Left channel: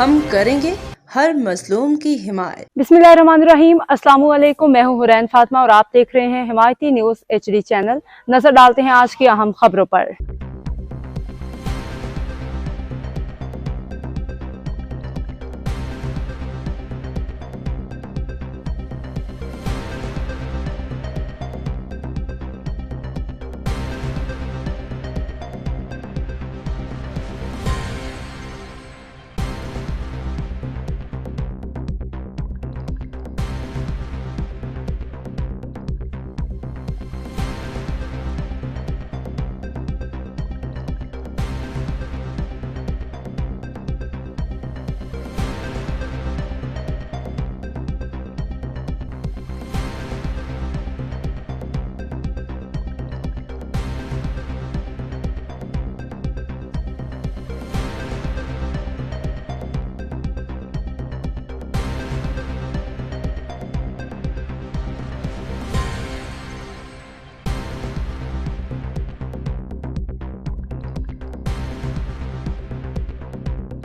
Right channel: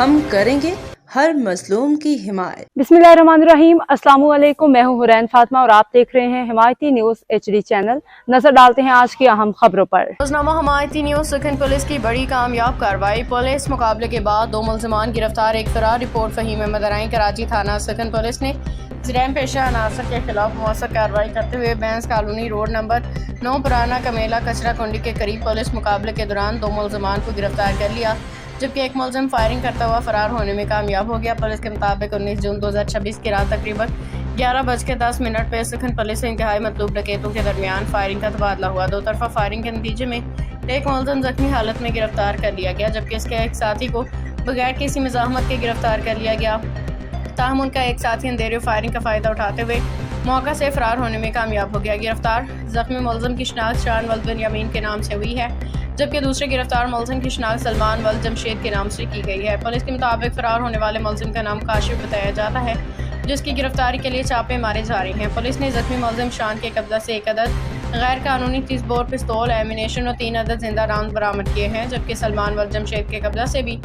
ہم کریں گے ہر مظلوم کی حمایت۔ बिस्मिल्लाहिर्रहमानिर्रहीम। अस्सलाम वालेकुम। मैं हूँ हुरैन फातिमा और आप देख रहे हैं हिमायती न्यूज़ HD चैनल। नजर डालते हैं आज की अहम खबरों पर। रोजनामा हिमायती न्यूज़। सुखन पुलिस की बड़ी कामयाब कार्रवाई। पुलिस मुकाबले के बाद 2 मुलजमान गिरफ्तार। एक फरार रिपोर्ट फहीम अहमद राई। कराची थाना सुखन पुलिस ने जराइम पेशा अनासर के खिलाफ मौसर कार्रवाई करते हुए बैंस कॉलोनी रोड नंबर 9 पुराना कमेला कचरा कुंडी के करीब पुलिस मुकाबले के दौरान 2 मुलजमान को गिरफ्तार कर लिया, जबकि एक मुलजम फायरिंग करता हुआ फरार होने में कामयाब हो गया। पुलिस के मुताबिक 19 जून 2026 की रात तकरीबन 11:10 पे सुखन पुलिस से इंतहाई मतलूब डकैतों के दरमियान फायरिंग का तबादला हुआ। दो तरफा फायरिंग के नतीजे में एक मुलजम जख्मी हालत में गिरफ्तार कर लिया गया, जबकि इसके एक साथी को बगैर किसी मज़ाहमत के गिरफ्तार कर लिया गया। ताहम उनका एक साथी अंधेरे फायरिंग का फ़ायदा उठाते हुए मौका से फरार होने में कामयाब हो गया। गिरफ्तार जख्मी मुलजम की शनाख्त शान वल्द बिन यामीन के नाम से हुई है, जबकि दूसरे गिरफ्तार मुलजिम की शनाख्त सलमान वल्द जमशेद के नाम से की गई है। पुलिस के मुताबिक फरार होने वाले मुलजिम का नाम काशिफ बताया जाता है, जिसकी गिरफ्तारी के लिए छापे मारे जा रहे हैं। पुलिस ने जख्मी मुलजिम शान के कब्जा से 1 अदद गैर कानूनी 30 बोर पिस्तौल, एमिनेशन और 3 अदद जिंदा राउंड बरामद किए हैं, जबकि सलमान वल्द जमशेद के कब्जा से भी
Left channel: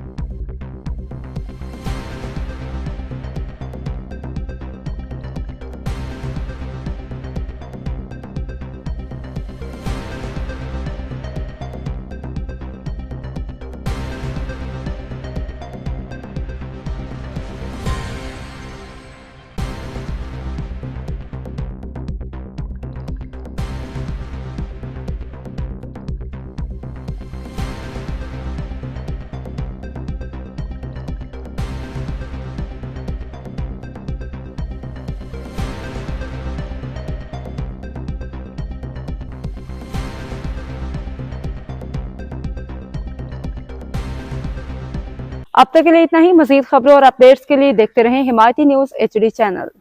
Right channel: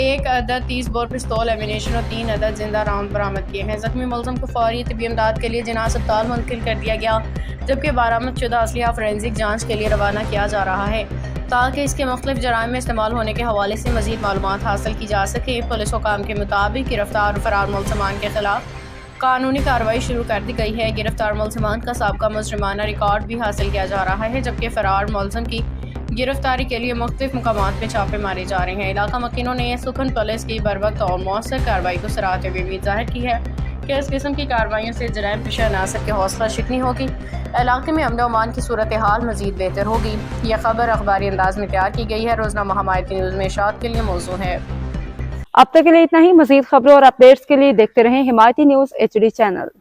1 अदद 30 बोर पिस्तौल, एमिनेशन और 3 अदद जिंदा राउंड बरामद किए हैं। जख्मी मुलजिम को फौरी तिब्बी इमदाद के लिए जिना अस्पताल मुंतकिल कर दिया गया, जबकि बरामद शुदा असलिया फोरेंसिक जांच के लिए रवाना किया जा रहा है, ताकि इसके मुख्तलिफ जराइम में इस्तेमाल होने के हवाले से मज़ीद मालूमात हासिल की जा सके। पुलिस हुकाम के मुताबिक गिरफ्तार फरार मुलजमान के खिलाफ कानूनी कार्रवाई शुरू कर दी गई है। गिरफ्तार मुलजमान का साबका मुजरिमाना रिकॉर्ड भी हासिल किया जा रहा है, जबकि फरार मुलजम की गिरफ्तारी के लिए मुख्तलिफ मुकामात पे छापे मारे जा रहे हैं। इलाका मकीनों ने सुखन पुलिस की बरवक्त और मौसर कार्रवाई को सराहते हुए उम्मीद जाहिर की है कि इस किस्म की कार्रवाइयों से जराइम पेशा अनासर की हौसला शिकनी होगी, इलाके में अमन व अमान की सूरत हाल मज़ीद बेहतर होगी। यह खबर अखबारी अंदाज में तैयार की गई है। रोजनामा हिमायती न्यूज़ में इशात के लिए मौजू है। अब तक के लिए इतना ही। मजीद खबरों और अपडेट्स के लिए देखते रहें हिमायती न्यूज़ HD चैनल।